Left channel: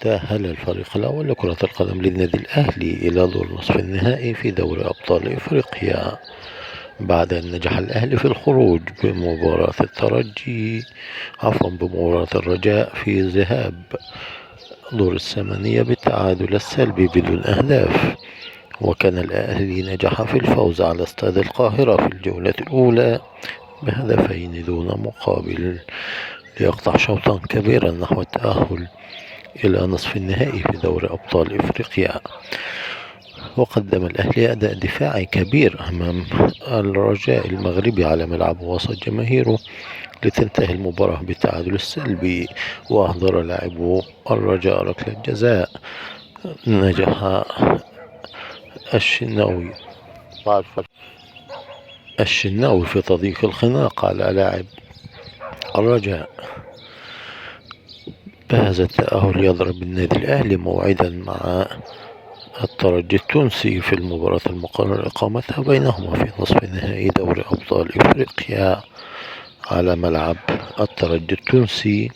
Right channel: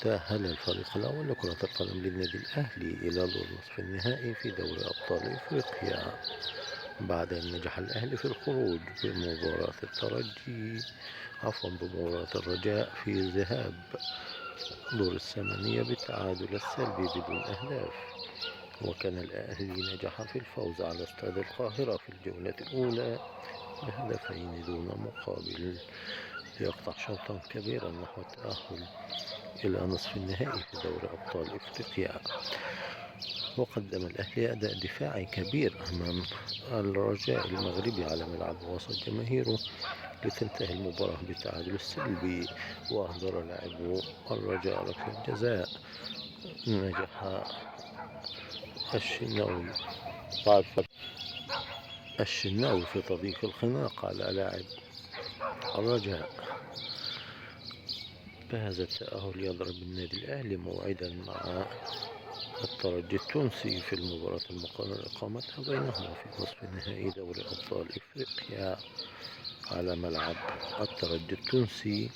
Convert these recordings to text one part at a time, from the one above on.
تأهل الفريق الأول لكرة القدم للنادي الأهلي إلى دور نصف النهائي في دوري أبطال إفريقيا بعد أن نجح الأهلي في الخروج بمباراة الرجاء في ذهاب دور الثمانية بالتعادل السلبي بدون أهداف. وكان الأهلي نجح في الفوز على استاد القاهرة في الجولة الأولى بهدفين دون مقابل ليقطع شوطا كبيرا نحو التأهل إلى نصف النهائي في دوري أبطال إفريقيا. وقدم الأهلي أداء دفاعي كبير أمام الرجاء المغربي على ملعب وسط جماهيره لتنتهي المباراة بالتعادل السلبي. وأحضر لاعبو الرجاء ركلة جزاء نجح الشناوي في تضييق الخناق على لاعب الرجاء. بهذا التأهل يضرب النادي الأهلي موعدا مع الترجي التونسي في المباراة المقرر إقامتها بينهما في نصف نهائي دوري أبطال إفريقيا على ملعب الترجي التونسي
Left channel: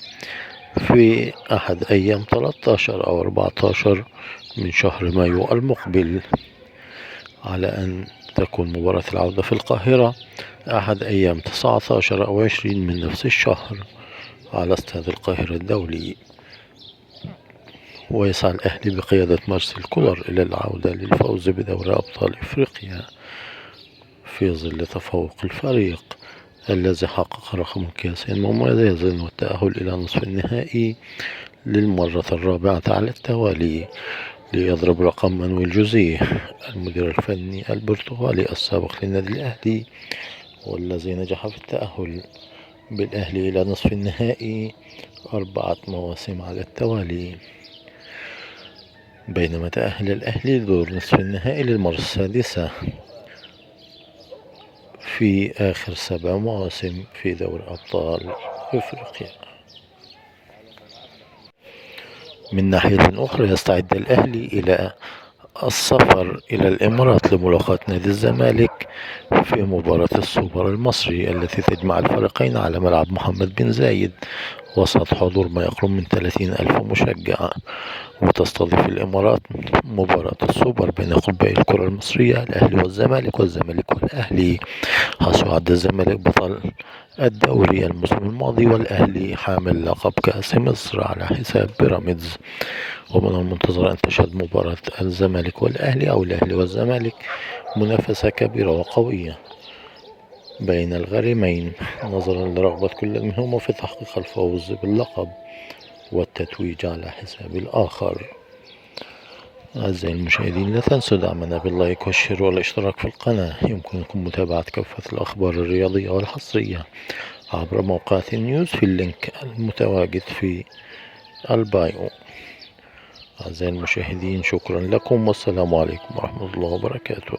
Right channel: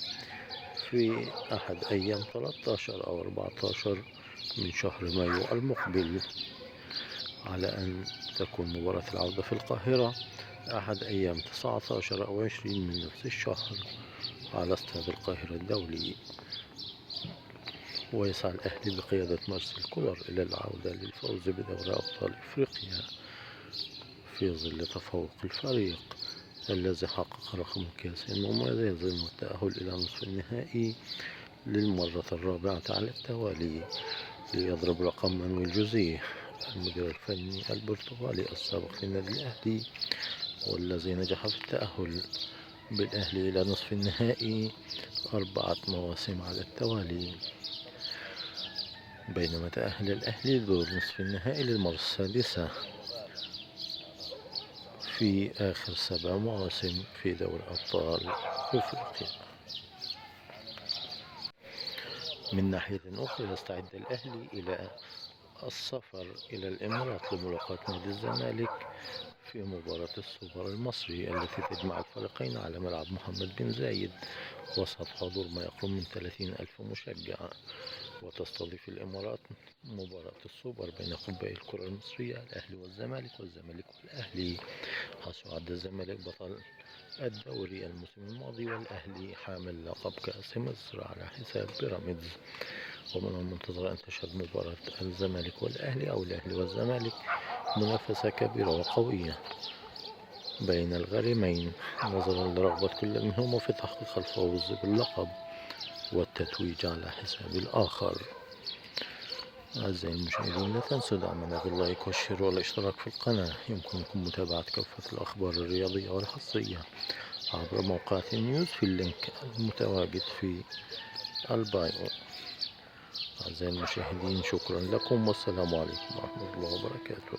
في أحد أيام 13 أو 14 من شهر مايو المقبل، على أن تكون مباراة العودة في القاهرة أحد أيام 19 أو 20 من نفس الشهر على استاد القاهرة الدولي. ويسعى الأهلي بقيادة مارسيل كولر إلى العودة للفوز بدوري أبطال إفريقيا في ظل تفوق الفريق الذي حقق رقم قياسي مميز والتأهل إلى نصف النهائي للمرة الرابعة على التوالي، ليضرب رقم مانويل جوزيه المدير الفني البرتغالي السابق للنادي الأهلي، والذي نجح في التأهل بالأهلي إلى نصف النهائي 4 مواسم على التوالي. بينما تأهل الأهلي لدور نصف النهائي للمرة السادسة في آخر 7 مواسم في دوري أبطال إفريقيا. من ناحية أخرى يستعد الأهلي إلى السفر إلى الإمارات لملاقاة نادي الزمالك في مباراة السوبر المصري التي تجمع الفريقين على ملعب محمد بن زايد وسط حضور ما يقرب من 30,000 مشجع. وتستضيف الإمارات مباراة السوبر بين قطبي الكرة المصرية الأهلي والزمالك والأهلي، حيث يعد الزمالك بطل الدوري الموسم الماضي والأهلي حامل لقب كأس مصر على حساب بيراميدز. ومن المنتظر أن تشهد مباراة الزمالك والأهلي أو الأهلي والزمالك منافسة كبيرة وقوية بين الغريمين نظرا لرغبة كل منهما في تحقيق الفوز باللقب والتتويج على حساب الآخر. أعزائي المشاهدين، لا تنسوا دعمنا باللايك والشير والاشتراك في القناة. يمكنكم متابعة كافة الأخبار الرياضية والحصرية عبر موقع نيوز في اللينك المتواجد في البايو. أعزائي المشاهدين، شكرا لكم والسلام عليكم ورحمة الله وبركاته.